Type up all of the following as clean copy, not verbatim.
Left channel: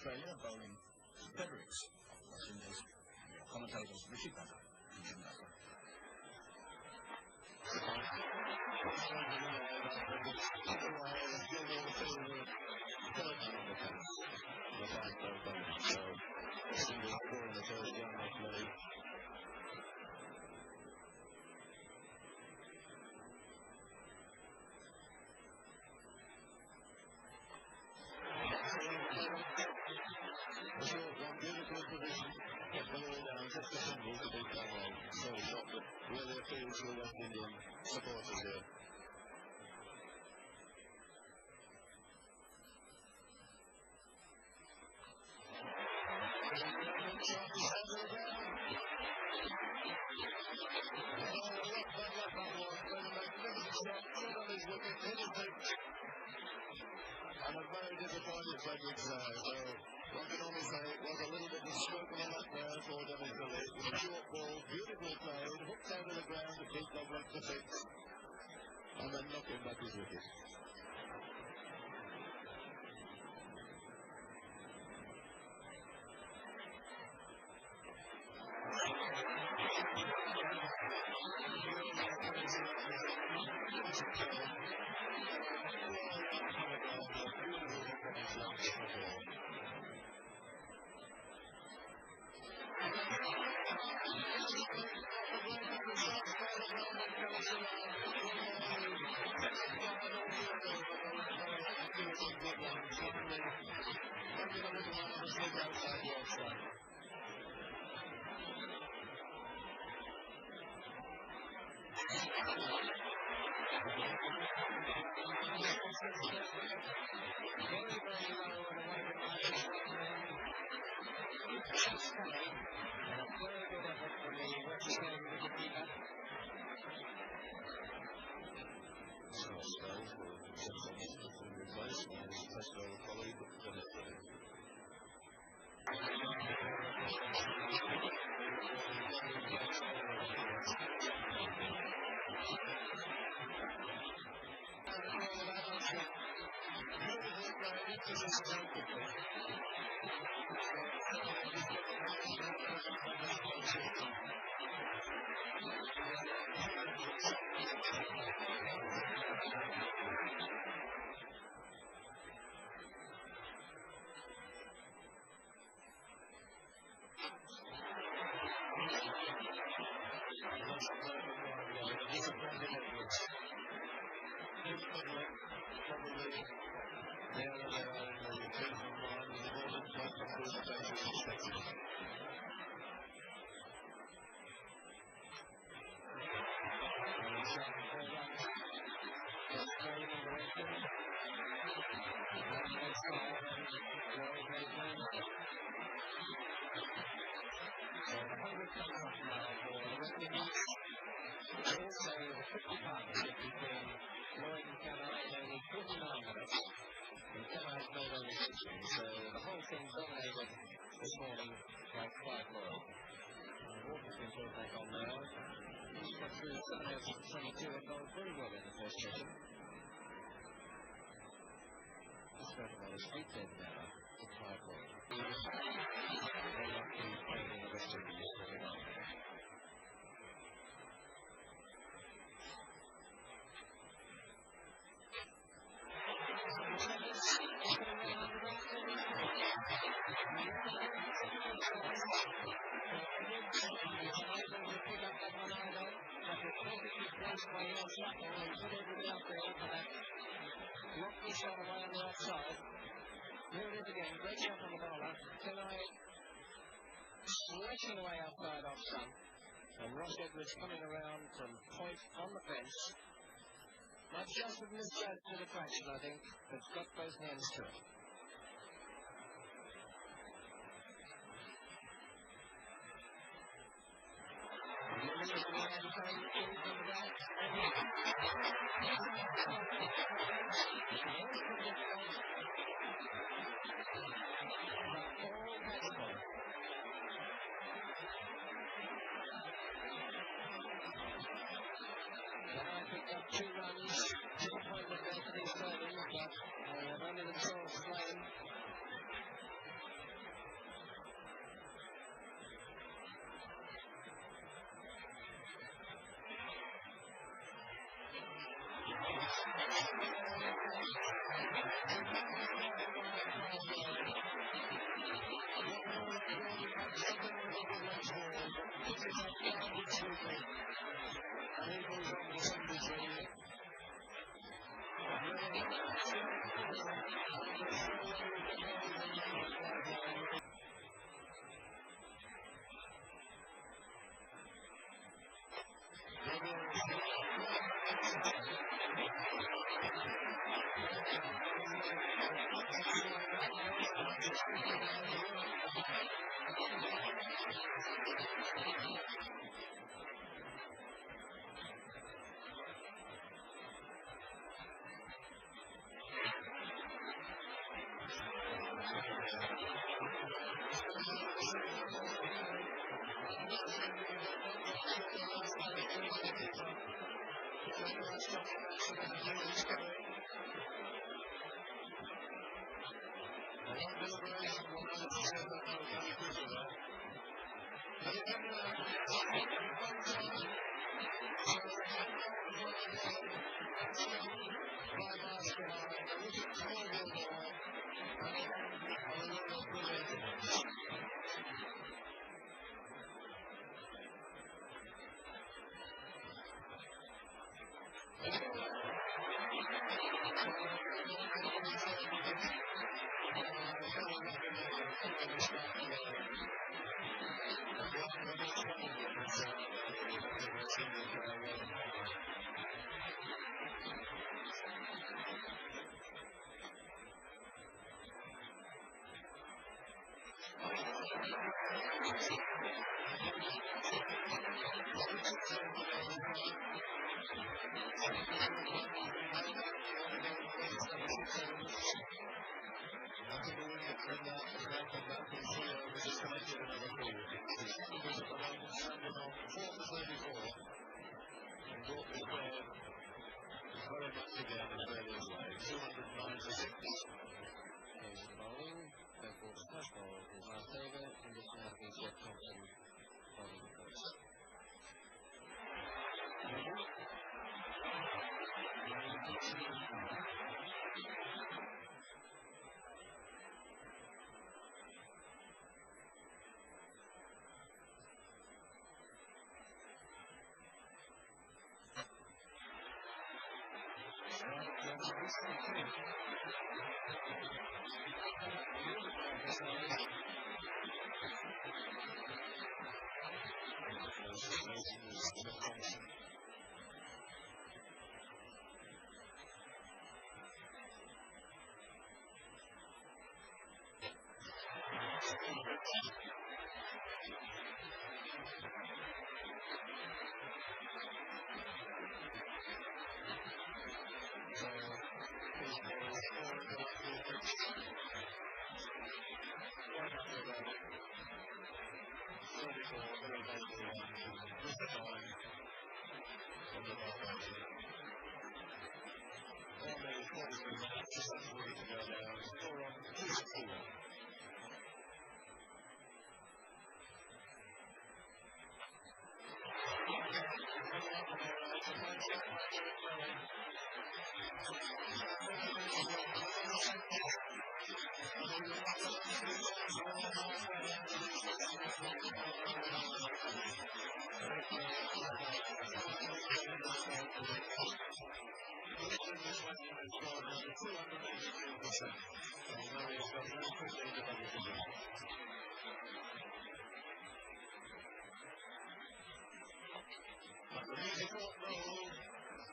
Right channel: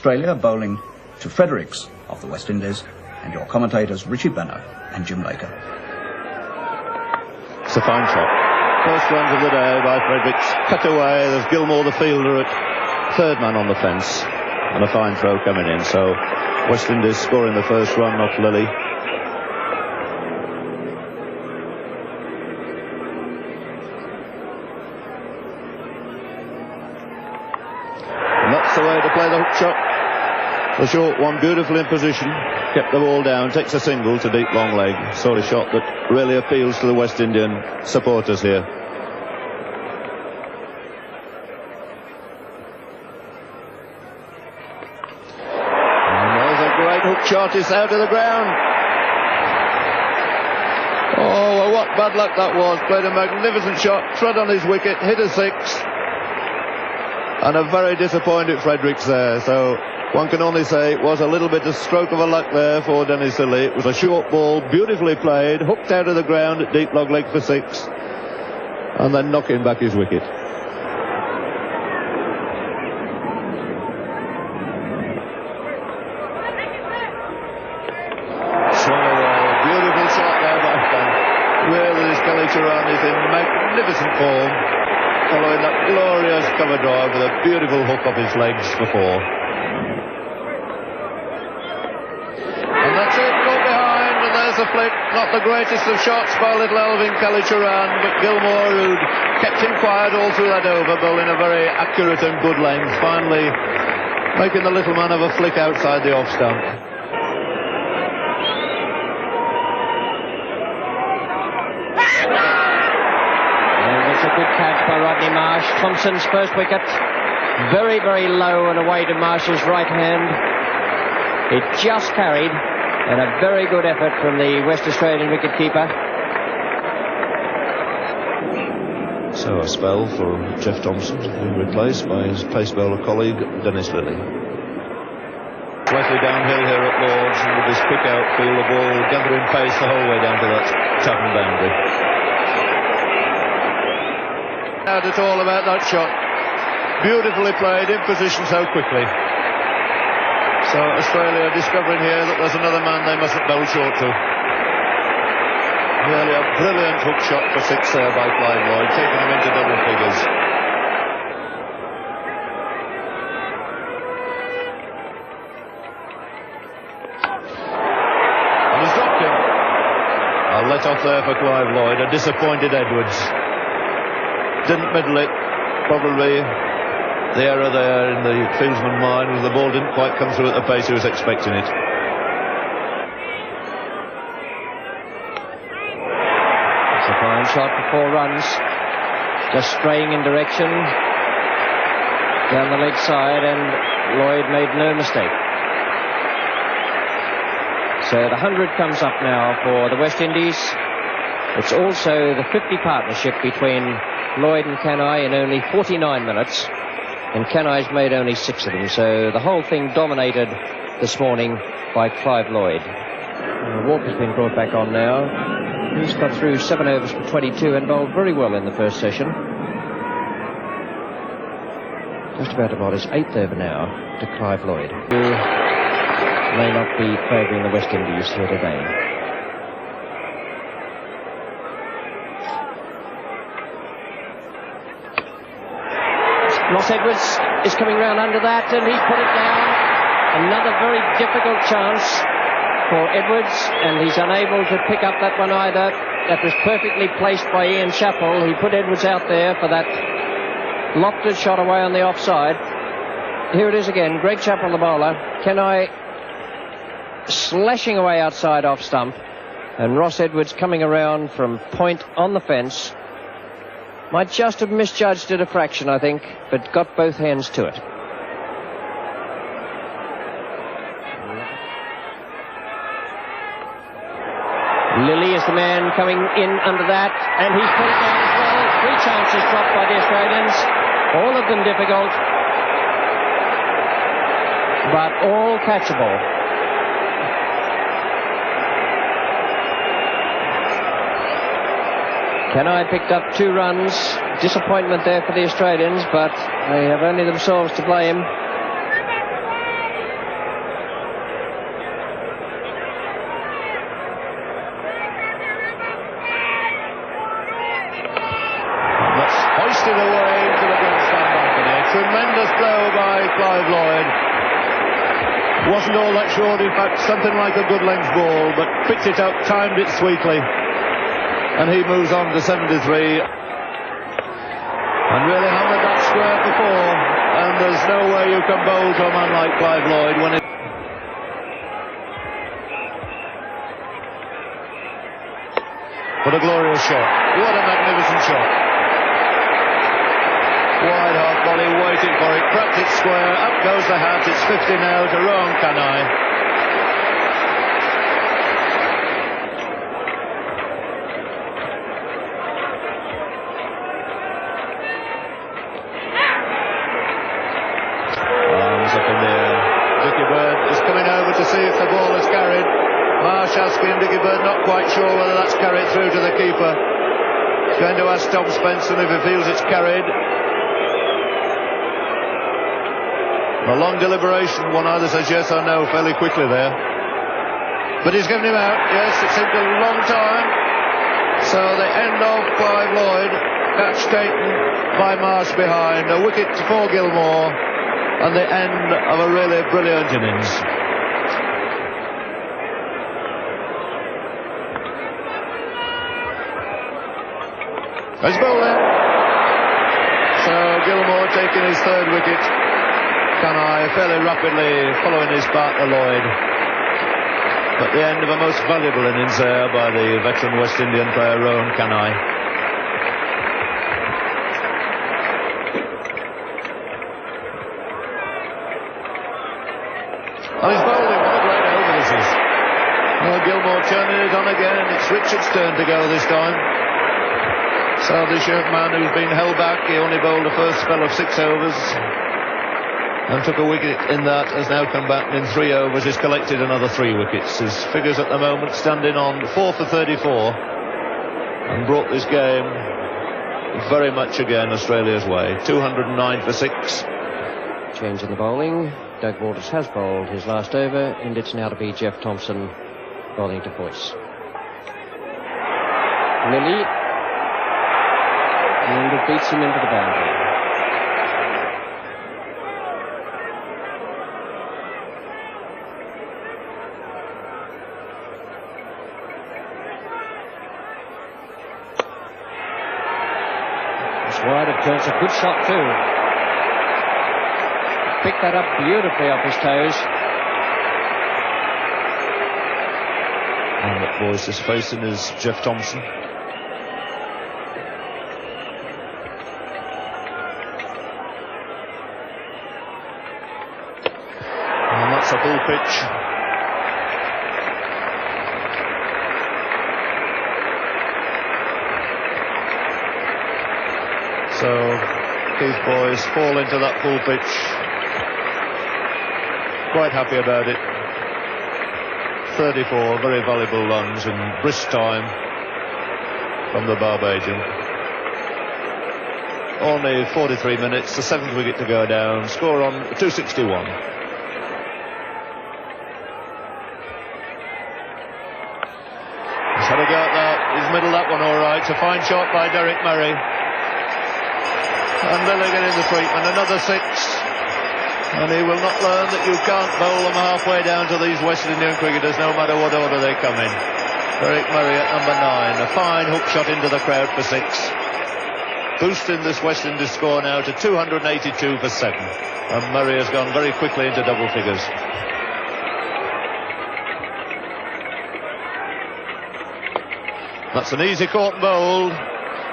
Australia bowling to Fredericks of the West Indies, and your commentators Richie Benno and Jim Laker. It's a fine shot. First runs of the day by Fredericks. Cut away. There's Gilmour, the fielder, at third man on the fence, and a fine throw coming in. So West Indies scoring the first run off Lillee. And that's the way to play the hook shot. The short one, beautifully in position, kept the ball down, takes a single to deep long leg. Sort of shot that really appeals to the West Indian supporters here. And there's a great hook shot. It's out of the ground. Oh, well, what bad luck that was. Played a magnificent shot, trod on his wicket, hit a six. And a very disappointed Fredericks there. So one can only say it was a little bit of stroke of a luck there for Dennis Lillee. It was a short ball, beautifully played, hooked out of the ground at deep long leg for six, and then knocking back his wicket. Swallow, beautiful shot there by Fan. Really, this Gully Turan is in magnificent form, following that glorious cover drive with a beautiful hook off his legs before. And that's it, got behind, and there's a flick. Not the greatest of shots by little Elvin Kallicharran, but Gilmour, who'd kept him quiet all through that over, bowling a very accurate and good length, finally making the little man have a flick outside the off stump. It's a good catch by Rodney Marsh. Thomson's first wicket. Very, very low and away to Marsh's right hand. It just carried, and a very good effort from the West Australian wicketkeeper. So a spell for Jeff Thomson, being replaced by his pace bowler colleague Dennis Lillee. Slightly downhill here at Lords, and with this quick outfield, the ball gathering pace the whole way down to that Chatham boundary. Not at all about that shot. Beautifully played, in position so quickly. So Australia discovering here that there's another man they mustn't bowl short to. Really a brilliant hook shot for six there by Clive Lloyd, taking him into double figures. And he's dropped him. A let off there for Clive Lloyd. A disappointed Edwards. Didn't middle it. Probably the error there in the fieldsman's mind was the ball didn't quite come through at the pace he was expecting it. It's a fine shot for 4 runs. Just straying in direction down the leg side, and Lloyd made no mistake. So the 100 comes up now for the West Indies. It's also the 50 partnership between Lloyd and Kanhai in only 49 minutes, and Kanhai's made only 6 of them, so the whole thing dominated this morning by Clive Lloyd. Walker's been brought back on now. He's got through 7 overs for 22 and bowled very well in the first session. Just about his 8th over now to Clive Lloyd, who may not be favouring the West Indies here today. Ross Edwards is coming round under that, and he's put it down. Another very difficult chance for Edwards, and he's unable to pick up that one either. That was perfectly placed by Ian Chappell. He put Edwards out there for that lofted shot away on the offside. Here it is again. Greg Chappell, the bowler. Kanhai slashing away outside off stump, and Ross Edwards coming around from point on the fence. Might just have misjudged it a fraction, I think, but got both hands to it. Lillee is the man coming in under that, and he's put it down as well. 3 chances dropped by the Australians, all of them difficult, but all catchable. Kanhai picked up 2 runs. Disappointment there for the Australians, but they have only themselves to blame. Wasn't all that short, in fact, something like a good length ball, but picked it up, timed it sweetly, and he moves on to 73. And really hammered that square before, and there's no way you can bowl to a man like Clive Lloyd when it... What a glorious shot. What a magnificent shot. Wide half volley, waiting for it, cracked it square, up goes the hat, it's 50 now to Rohan Kanhai. Arms up in the air. Dickie Bird is coming over to see if the ball is carried. Marsh asking Dickie Bird, not quite sure whether that's carried through to the keeper. He's going to ask Tom Spencer if he feels it's carried. A long deliberation, one either says yes or no fairly quickly there. But he's given him out, yes, it seemed a long time. So the end of Clive Lloyd, catch taken by Marsh behind, a wicket for Gilmour, and the end of a really brilliant innings. He's bowling. So Gilmour taking his third wicket. Kanhai fairly rapidly following his partner Lloyd. But the end of a most valuable innings there by the veteran West Indian player Rohan Kanhai. And he's bowling, what a great over this is. Well, Gilmour turning it on again, it's Richards' turn to go this time. So this young man who's been held back, he only bowled the first spell of 6 overs. And took a wicket in that, has now come back in 3 overs, he's collected another 3 wickets. His figures at the moment standing on 4 for 34 and brought this game very much again Australia's way. 209 for 6. Change in the bowling. Doug Waters has bowled his last over, and it's now to be Jeff Thomson bowling to Boyce. Lillee, and it beats him into the boundary. Wide of turns, a good shot too. Picked that up beautifully off his toes. And what Boyce is facing is Jeff Thomson. And that's a full pitch. So Keith Boyce fall into that full pitch. Quite happy about it. 34 very valuable runs in brisk time from the Barbadian. Only 43 minutes, the 7th wicket to go down. Score on 261. He's had a go at that. He's middled that one all right. It's a fine shot by Derek Murray. And Lillee getting the treatment, another 6. And he will not learn that you can't bowl them halfway down to these West Indian cricketers, no matter what order they come in. Derek Murray at number 9, a fine hook shot into the crowd for 6. Boosting this West Indies score now to 282 for 7. And Murray has gone very quickly into double figures. That's an easy caught and bowled.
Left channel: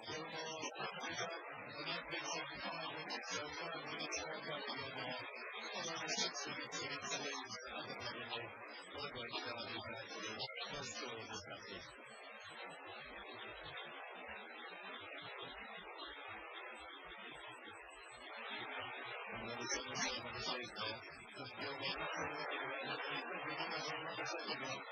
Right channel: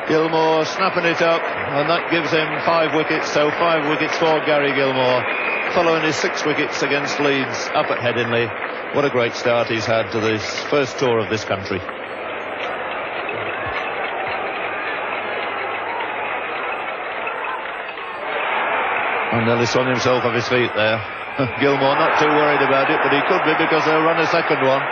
Gilmour snapping it up, and that gives him 5 wickets, so 5 wickets for Gary Gilmour, following his 6 wickets against Leeds up at Headingley. What a great start he's had to this first tour of this country. And nearly swung himself off his feet there. Gilmour not too worried about it, but he could be because they'll run a second one.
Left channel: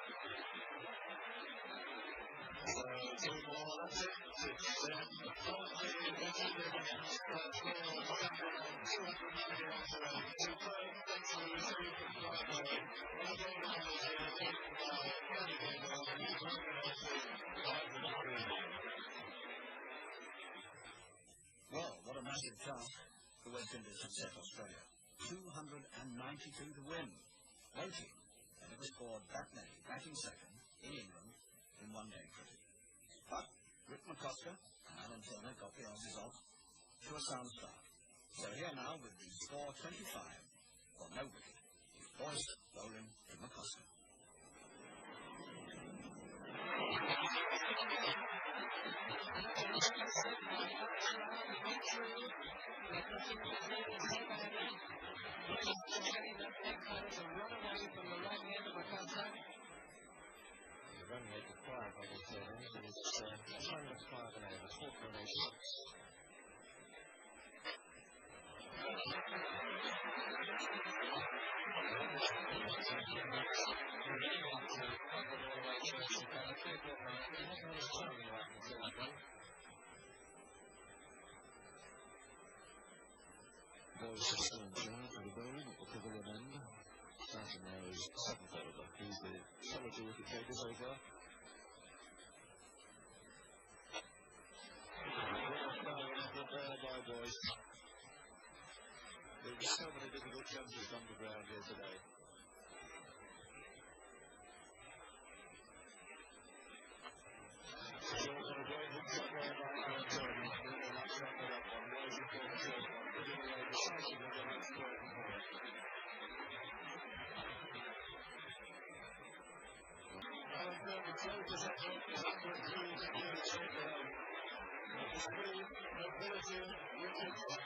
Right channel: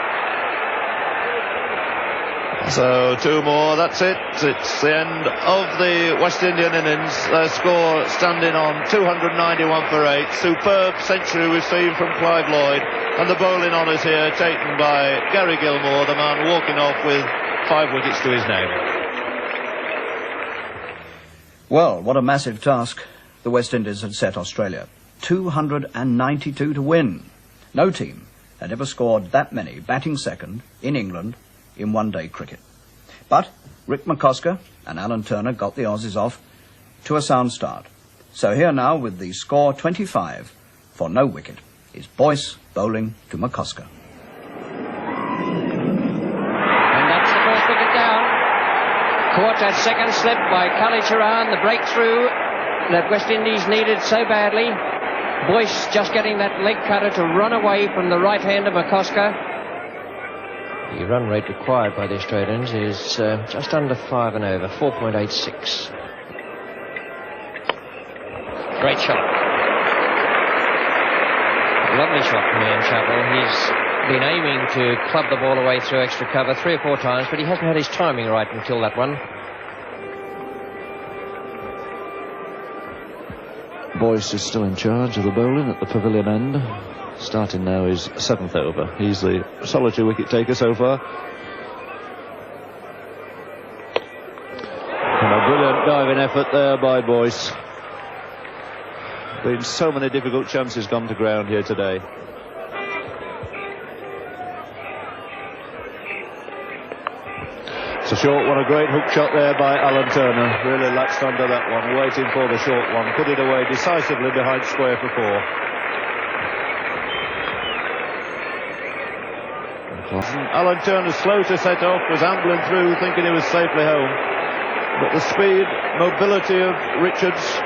So 2 more, that's it. It's the end of the West Indian innings. Their score standing on 291 for 8. Superb century we've seen from Clive Lloyd. And the bowling honours here taken by Gary Gilmour, the man walking off with 5 wickets to his name. Well, what a massive task the West Indies had set Australia. 292 to win. No team had ever scored that many batting second in England in one-day cricket. But Rick McCosker and Alan Turner got the Aussies off to a sound start. So here now, with the score 25 for no wicket, is Boyce bowling to McCosker. And that's the first wicket down. Caught a second slip by Rohan, the breakthrough that West Indies needed so badly. Boyce just getting that leg cutter to run away from the right hand of McCosker. The run rate required by the Australians is just under 5 and over, 4.86. Great shot. Lovely shot from Ian Chappell. He's been aiming to club the ball away through extra cover 3 or 4 times, but he hasn't had his timing right until that one. Boyce is still in charge of the bowling at the pavilion end. Starting now his 7th over. He's the solitary wicket taker so far. And a brilliant diving effort there by Boyce. Been so many difficult chances gone to ground here today. It's a short one, a great hook shot there by Alan Turner. Really latched under that one, waiting for the short one. Put it away decisively behind square for 4. Alan Turner, slow to set off, was ambling through thinking he was safely home. But the speed, mobility of Richards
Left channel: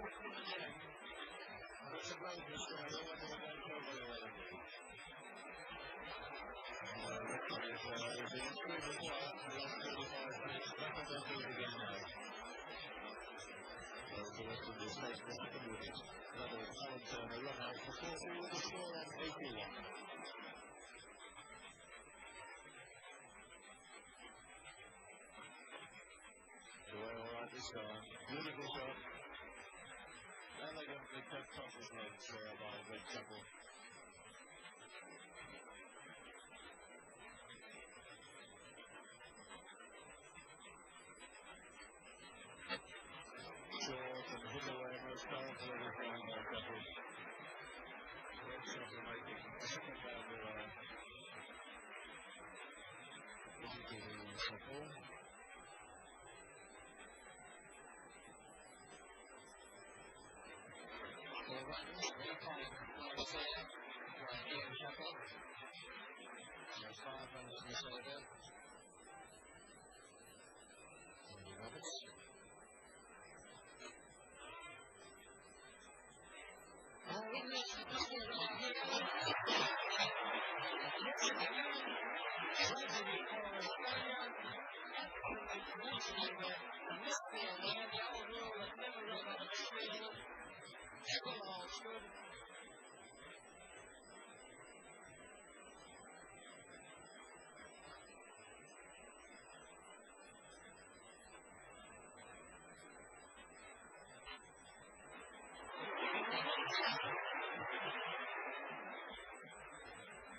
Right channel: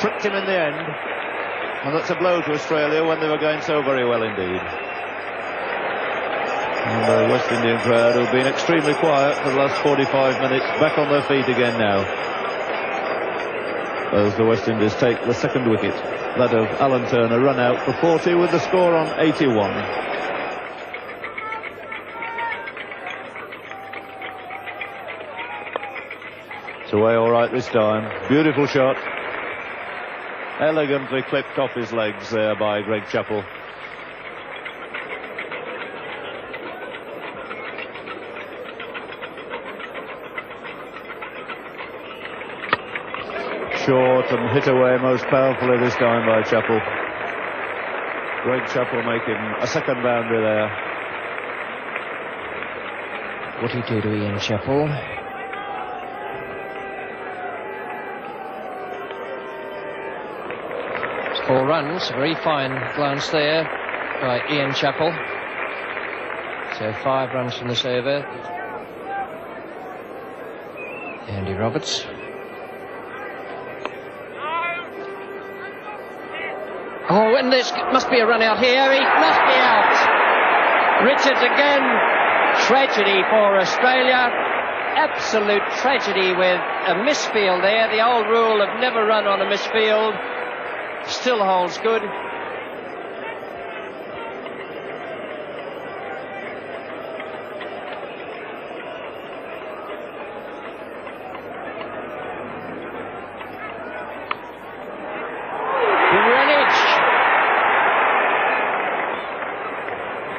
tricked him in the end. And that's a blow to Australia when they were going so very well indeed. And the West Indian crowd, who've been extremely quiet for the last 45 minutes, back on their feet again now. As the West Indies take the second wicket, that of Alan Turner, run out for 40 with the score on 81. It's away all right this time. Beautiful shot. Elegantly clipped off his legs there by Greg Chappell. Short and hit away most powerfully this time by Chappell. Greg Chappell making a second boundary there. What did he do to Ian Chappell? It's 4 runs, very fine glance there by Ian Chappell. So 5 runs from this over. Andy Roberts. Oh, and this must be a run out here. He must be out. Richards again. Tragedy for Australia. Absolute tragedy with a misfield there. The old rule of never run on a misfield still holds good.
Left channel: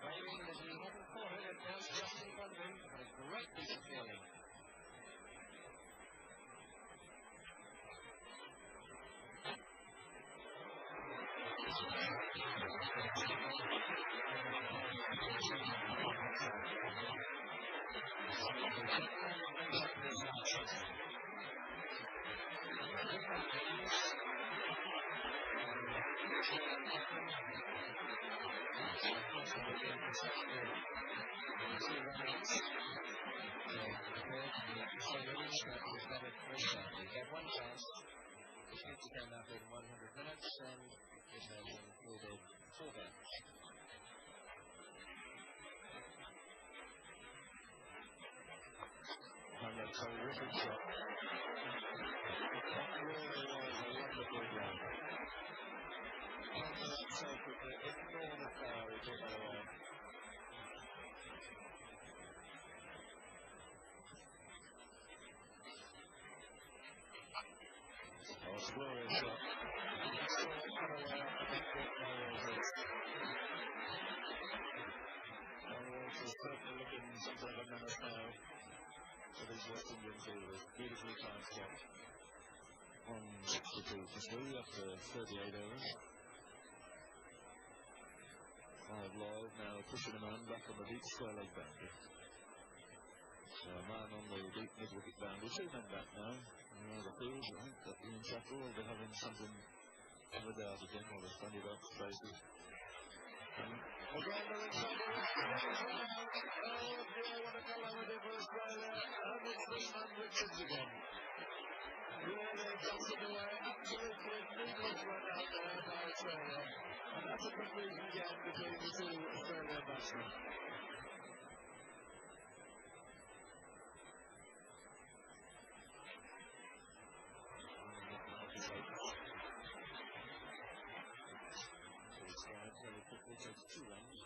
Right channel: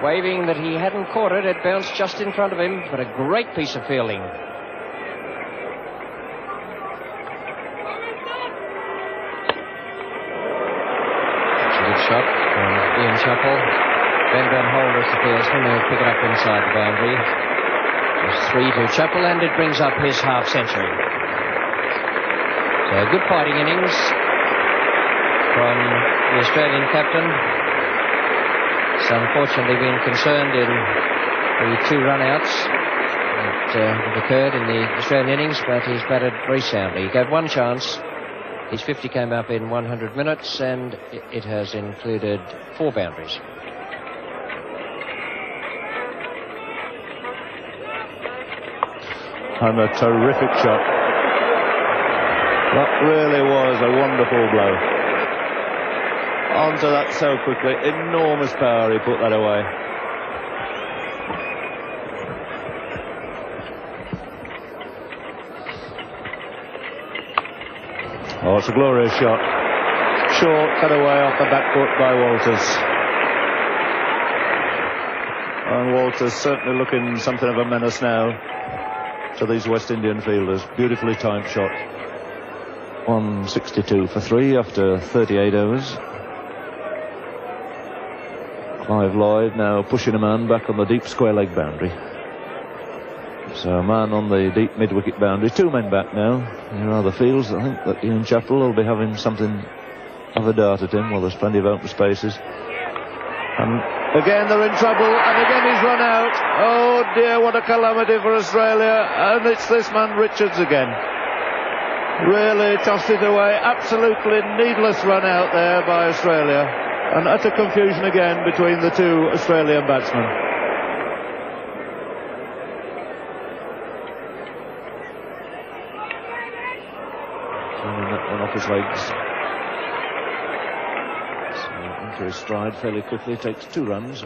Waving that he hadn't caught it, it bounced just in front of him, but a great piece of fielding. That's a good shot from Ian Chappell. Ben Van Holders, the fieldsman, will pick it up inside the boundary. It's 3 to Chappell, and it brings up his half-century. So good fighting innings from the Australian captain. He's unfortunately been concerned in the 2 run-outs that have occurred in the Australian innings, but he's batted very soundly. He gave 1 chance. His 50 came up in 100 minutes, and it has included 4 boundaries. And a terrific shot. That really was a wonderful blow. Onto that so quickly. Enormous power, he put that away. Oh, it's a glorious shot. Short, cut away off the back foot by Walters. And Walters certainly looking something of a menace now to these West Indian fielders. Beautifully timed shot. 162 for 3 after 38 overs. Clive Lloyd now pushing a man back on the deep square leg boundary. So a man on the deep mid-wicket boundary. 2 men back now. Here are the fields. I think that Ian Chappell will be having something of a dart at him. Well, there's plenty of open spaces. And again they're in trouble, and again he's run out. Oh dear, what a calamity for Australia. And it's this man Richards again. Really tossed it away. Absolutely needless run out there by Australia. And utter confusion again between the 2 Australian batsmen. Turning that one off his legs. So into his stride fairly quickly. Takes 2 runs.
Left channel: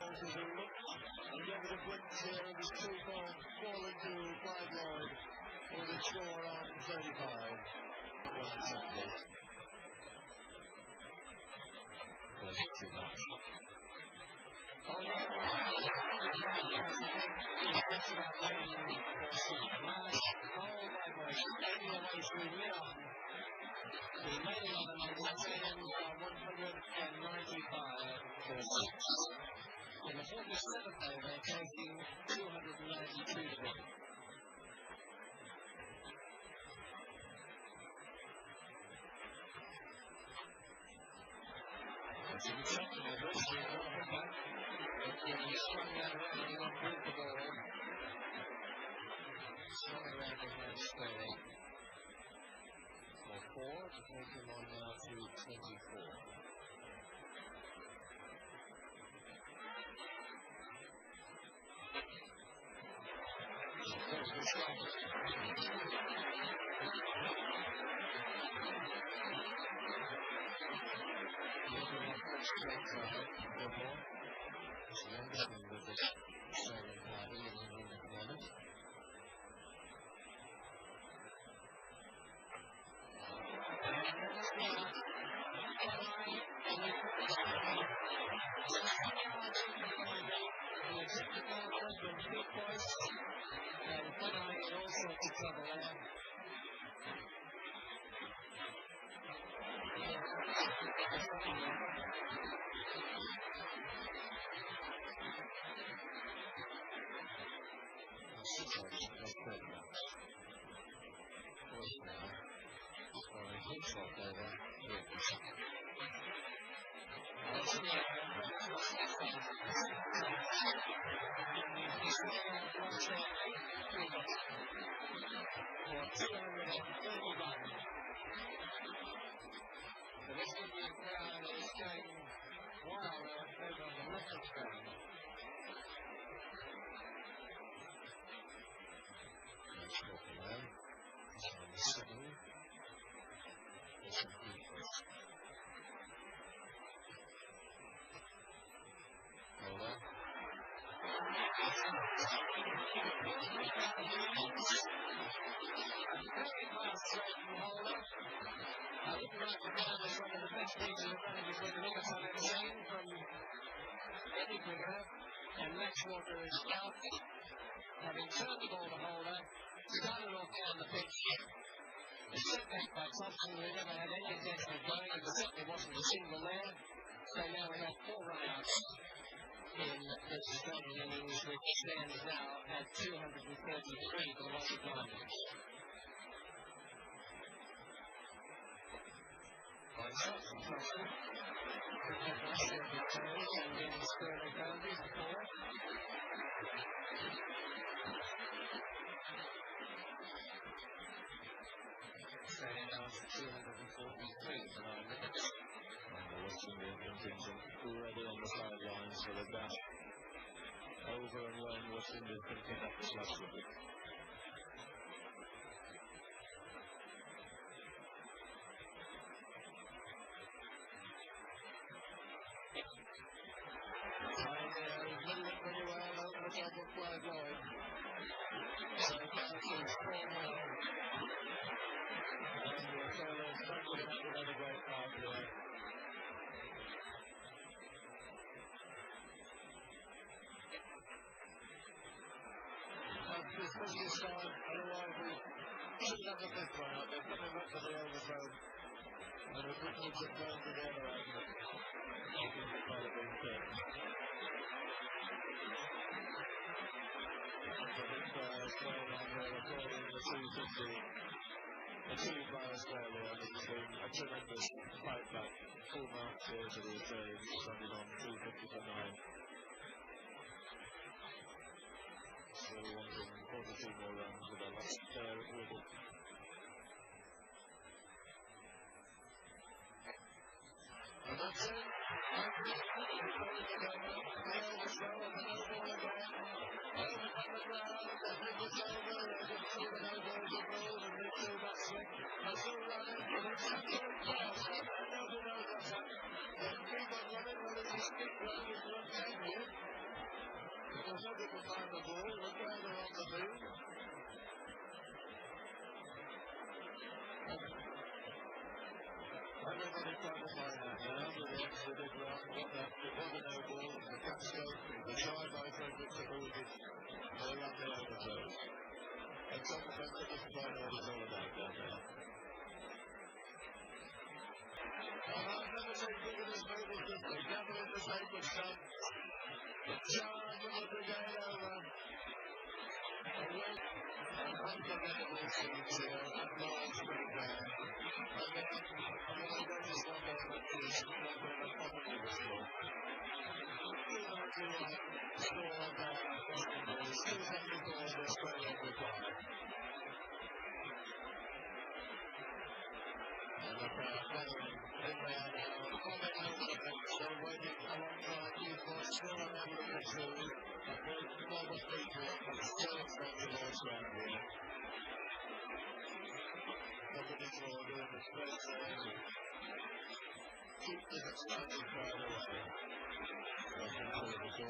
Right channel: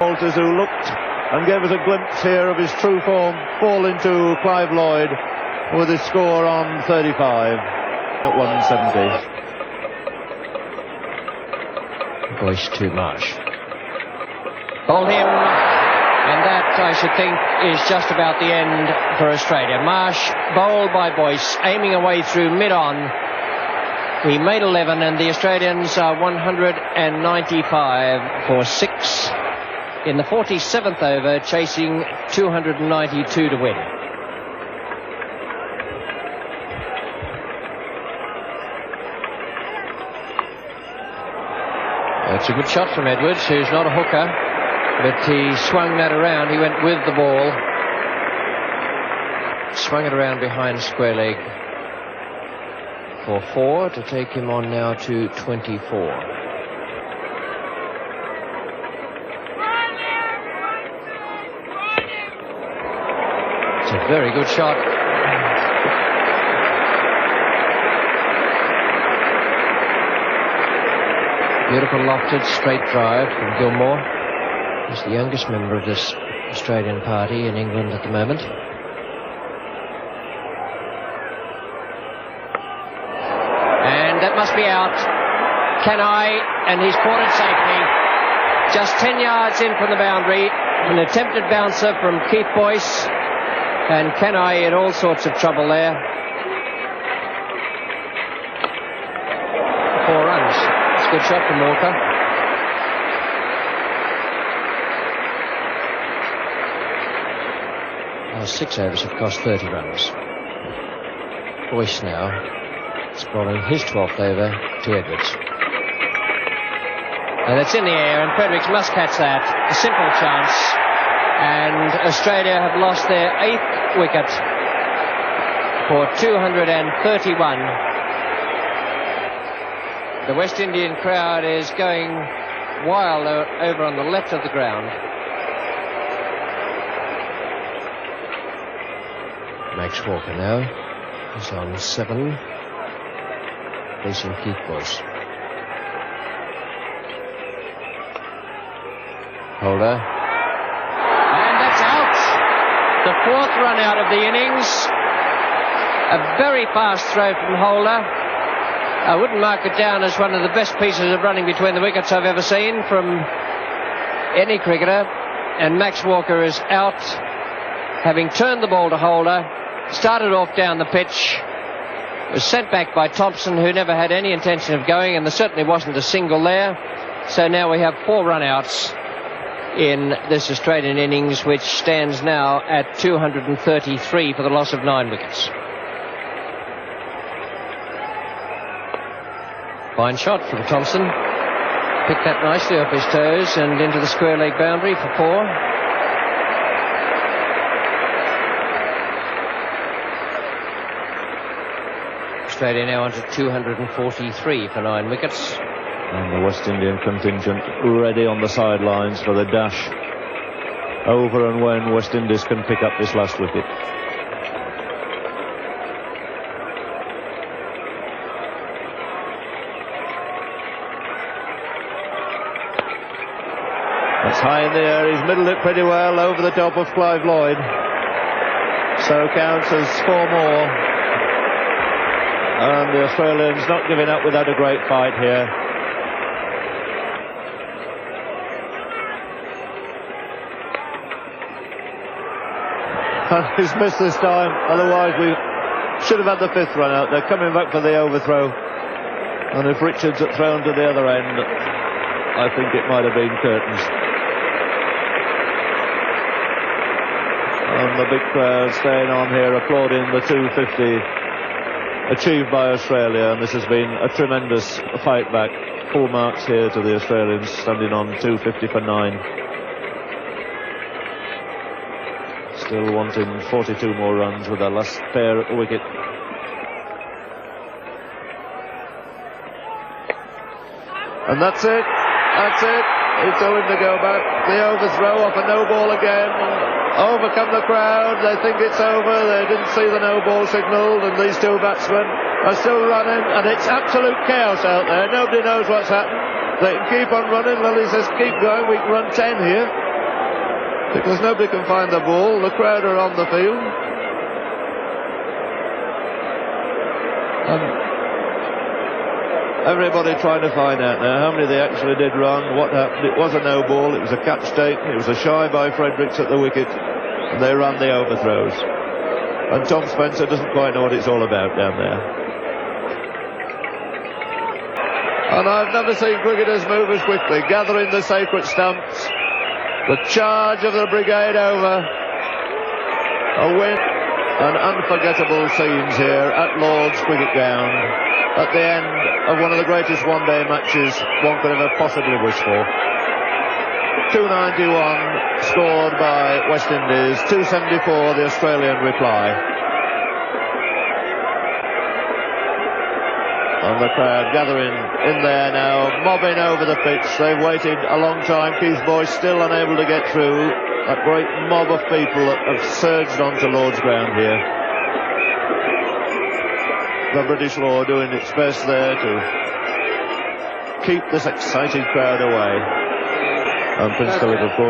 Walters, who looked and gave us a glimpse here of his true form, fall into Clive Lloyd with his score on 35 at 170. Boyce too much. Bowled him, and that, I should think, is just about the end for Australia. Marsh bowled by Boyce, aiming away through mid-on. He made 11, and the Australians are 195 for 6 in the 47th over, chasing 292 to win. That's a good shot from Edwards, who's not a hooker, but he swung that around. He went with the ball, swung it around behind square leg for 4 to take him on now to 24. It's a very good shot. Beautiful lofted straight drive from Gilmour. He's the youngest member of this Australian party in England at the moment. And that must be out. Kanhai, and he's caught it safely. Just 10 yards in from the boundary. An attempted bouncer from Keith Boyce. And Kanhai in all sorts of trouble there. 4 runs. It's a good shot from Walker. Well, 6 overs have cost 30 runs. Boyce now is bowling his 12th over to Edwards. And it's in the air, and Fredericks must catch that. A simple chance. And Australia have lost their 8th wicket for 231. The West Indian crowd is going wild over on the left of the ground. Max Walker now is on 7, facing Keith Boyce. Holder. And that's out. The 4th run out of the innings. A very fast throw from Holder. I wouldn't mark it down as one of the best pieces of running between the wickets I've ever seen from any cricketer. And Max Walker is out, having turned the ball to Holder. Started off down the pitch. Was sent back by Thomson, who never had any intention of going, and there certainly wasn't a single there. So now we have 4 run-outs in this Australian innings, which stands now at 233 for the loss of 9 wickets. Fine shot from Thomson. Picked that nicely off his toes and into the square leg boundary for 4. Australia now on to 243 for 9 wickets. And the West Indian contingent ready on the sidelines for the dash over and when West Indies can pick up this last wicket. That's high in the air. He's middled it pretty well over the top of Clive Lloyd. So counts as 4 more. And the Australians not giving up without a great fight here. He's missed this time. Otherwise we should have had the 5th run out. They're coming back for the overthrow. And if Richards had thrown to the other end, I think it might have been curtains. And the big crowd staying on here applauding the 250 achieved by Australia, and this has been a tremendous fight back. Full marks here to the Australians, standing on 250 for 9. Still wanting 42 more runs with their last pair at the wicket. And that's it. That's it. It's going to go back. The overthrow off a no ball again. Over come the crowd. They think it's over. They didn't see the no ball signalled, and these two batsmen are still running, and it's absolute chaos out there. Nobody knows what's happened. They can keep on running. Lillee says, keep going. We can run 10 here. Because nobody can find the ball. The crowd are on the field. Everybody trying to find out now how many they actually did run, what happened. It was a no ball, it was a catch taken, it was a shy by Fredericks at the wicket, and they ran the overthrows. And Tom Spencer doesn't quite know what it's all about down there. And I've never seen cricketers move as quickly, gathering the sacred stumps. The charge of the brigade over. A win. And unforgettable scenes here at Lord's Cricket Ground at the end of one of the greatest one-day matches one could ever possibly wish for. 291 scored by West Indies, 274 the Australian reply. And the crowd gathering in there now, mobbing over the pitch. They've waited a long time. Keith Boyce still unable to get through. That great mob of people that have surged onto Lord's ground here. The British law doing its best there to keep this excited crowd away. And Prince Philip, of course,